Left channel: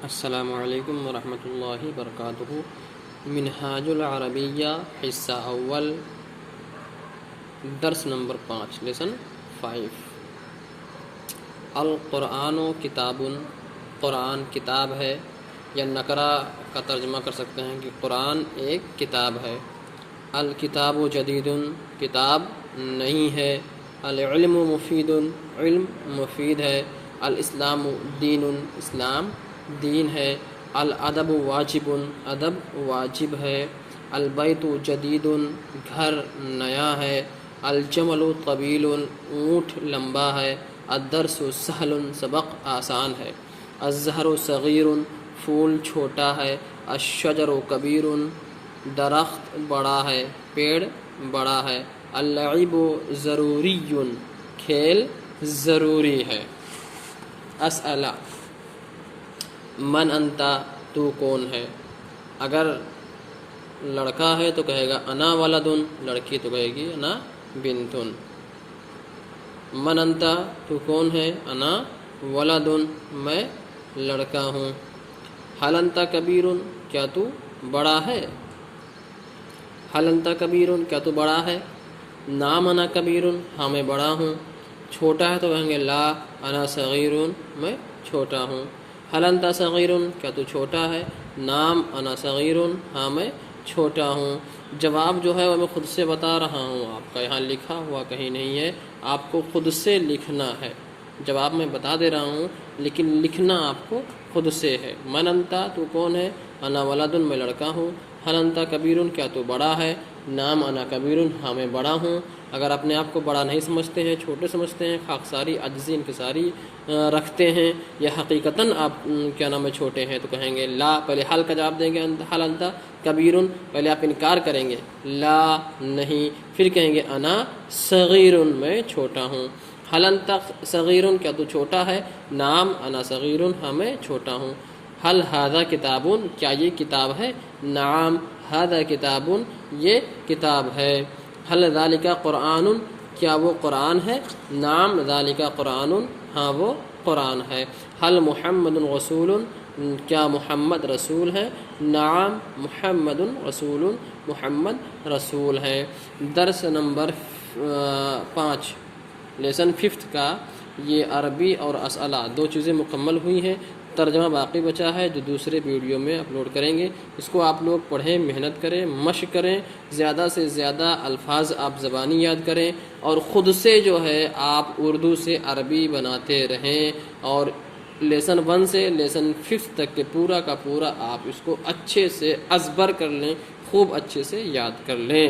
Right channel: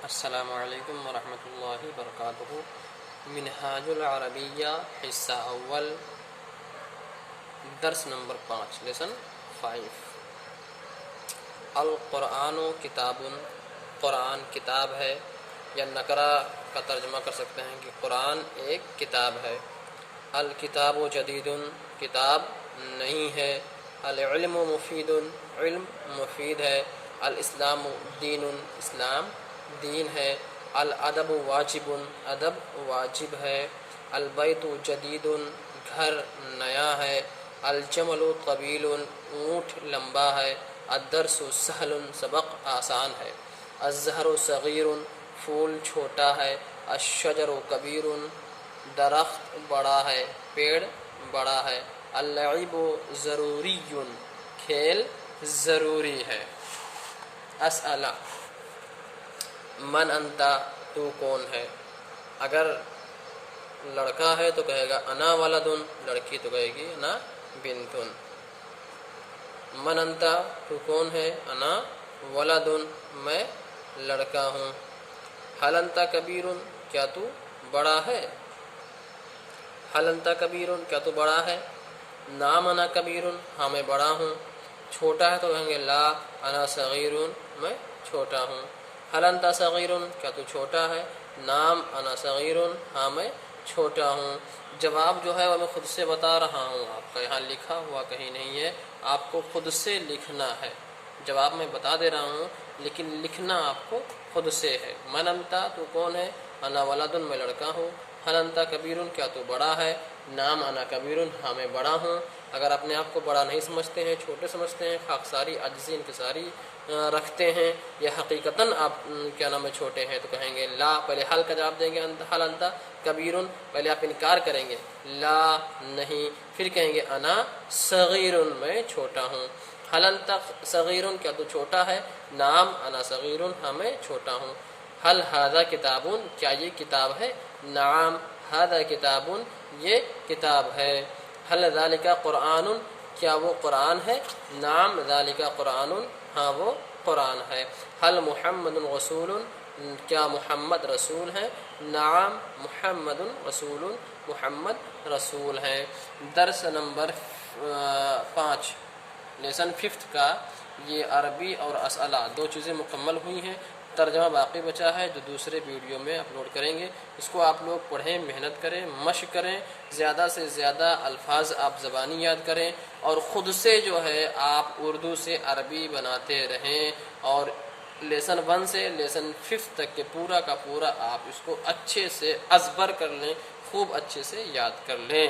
السلام علیکم ورحمۃ اللہ وبرکاتہ۔ منہاج العربیہ حصہ اول، درس نمبر 5، لیسن 5۔ القرآن کتاب، قرآن کتاب ہے، یا نکرہ کا ترجمہ کر سکتے ہیں کہ قرآن ایک کتاب ہے۔ الکتاب جدید، کتاب نہیں ہے۔ العلم مفید، علم مفید ہے۔ الاسلام دین، اسلام دین ہے۔ الادب واجب، ادب واجب ہے۔ البیت جدید، گھر نیا ہے۔ الجمل طویل، اونٹ لمبا ہے۔ الدرس سہل، سبق آسان ہے۔ الزہر صغیر، پھول چھوٹا ہے۔ الشجر کبیر، درخت بڑا ہے، پیڑ بڑا ہے۔ اللعب ضروری، کھیل ضروری ہے۔ اسئلہ، من انتا، تو کون ہے؟ اگر لڑکا ہے تو کہے گا انا ولدن، لڑکی تو کہے گی انا بنتن۔ من انتا، تو کون ہے؟ انا ولدن، میں لڑکا ہوں۔ حل انتا کبیرن، کیا تو بڑا ہے؟ حل انتا کبیرن، کیا تو بڑا ہے؟ نام انا کبیرن، ہاں میں بڑا ہوں۔ چھوٹا ہے تو کہیں گے لا انا صغیرن، میں چھوٹا ہوں۔ حل انتا صغیرن، کیا تو چھوٹا ہے؟ نام انا صغیرن، ہاں میں چھوٹا ہوں۔ جواب جو ہے وہ میں خود سے بتا رہا ہوں، آپ کا یہاں لکھا ہوا کہیں نہیں ہے، آپ کو خود سے لکھنا ہے۔ جواب میں بتا دے رہا ہوں لیکن لکھنا آپ کو خود سے ہے۔ من انتا، تو کون ہے؟ انا ولدن، میں لڑکا ہوں۔ حل انتا کبیرن، کیا تو بڑا ہے؟ نام انا کبیرن، ہاں میں بڑا ہوں۔ اگر اپنے آپ کو بڑا نہیں سمجھتے ہیں، چھوٹے سمجھتے ہیں، خاکساری عجزی انکساری رکھتے ہیں، یا حقیقتاً آپ کیا نام ہے چھوٹے ہیں، تو کہیں گے لا، پہلے حل کا جواب دیں گے حل انتا کبیرن، پہلے آپ انکار کریں گے لا نہیں، پھر کہیں گے انا صغیرن، میں چھوٹا ہوں۔ حل انتا صغیرن، کیا تو چھوٹا ہے؟ نام انا صغیرن، ہاں میں چھوٹا ہوں۔ حل ھذا کتابن، کیا یہ کتاب ہے؟ نعم ھذا کتابن، یہ کتاب ہے۔ حل ذالک قرآن، کیا وہ قرآن ہے؟ نعم ذالک قرآن، ہاں وہ قرآن ہے۔ حل محمد رسول، کیا محمد رسول ہے؟ نعم محمد رسول، محمد رسول ہے۔ درس نمبر 5، لیسن 5 کا یہ عربی اور اسئلہ دو چیزیں مکمل ہوئی ہیں۔ ترجمہ باقی بچا ہے جو دوسرے ویڈیو میں اپلوڈ کریں گے، اس کو آپ لوگ پڑھیں، محنت کریں، مشق کریں، زیادہ سے زیادہ الفاظ آپ زبانی یاد کریں، اور خود سے جو ہے آپ اردو سے عربی بناتے رہیں، اور لیسن 1 سے لیسن 5 تک کے پورا کا پورا آپ اس کو اچھے سے ازبر کر لیں، خوب اچھے سے یاد کر لیں۔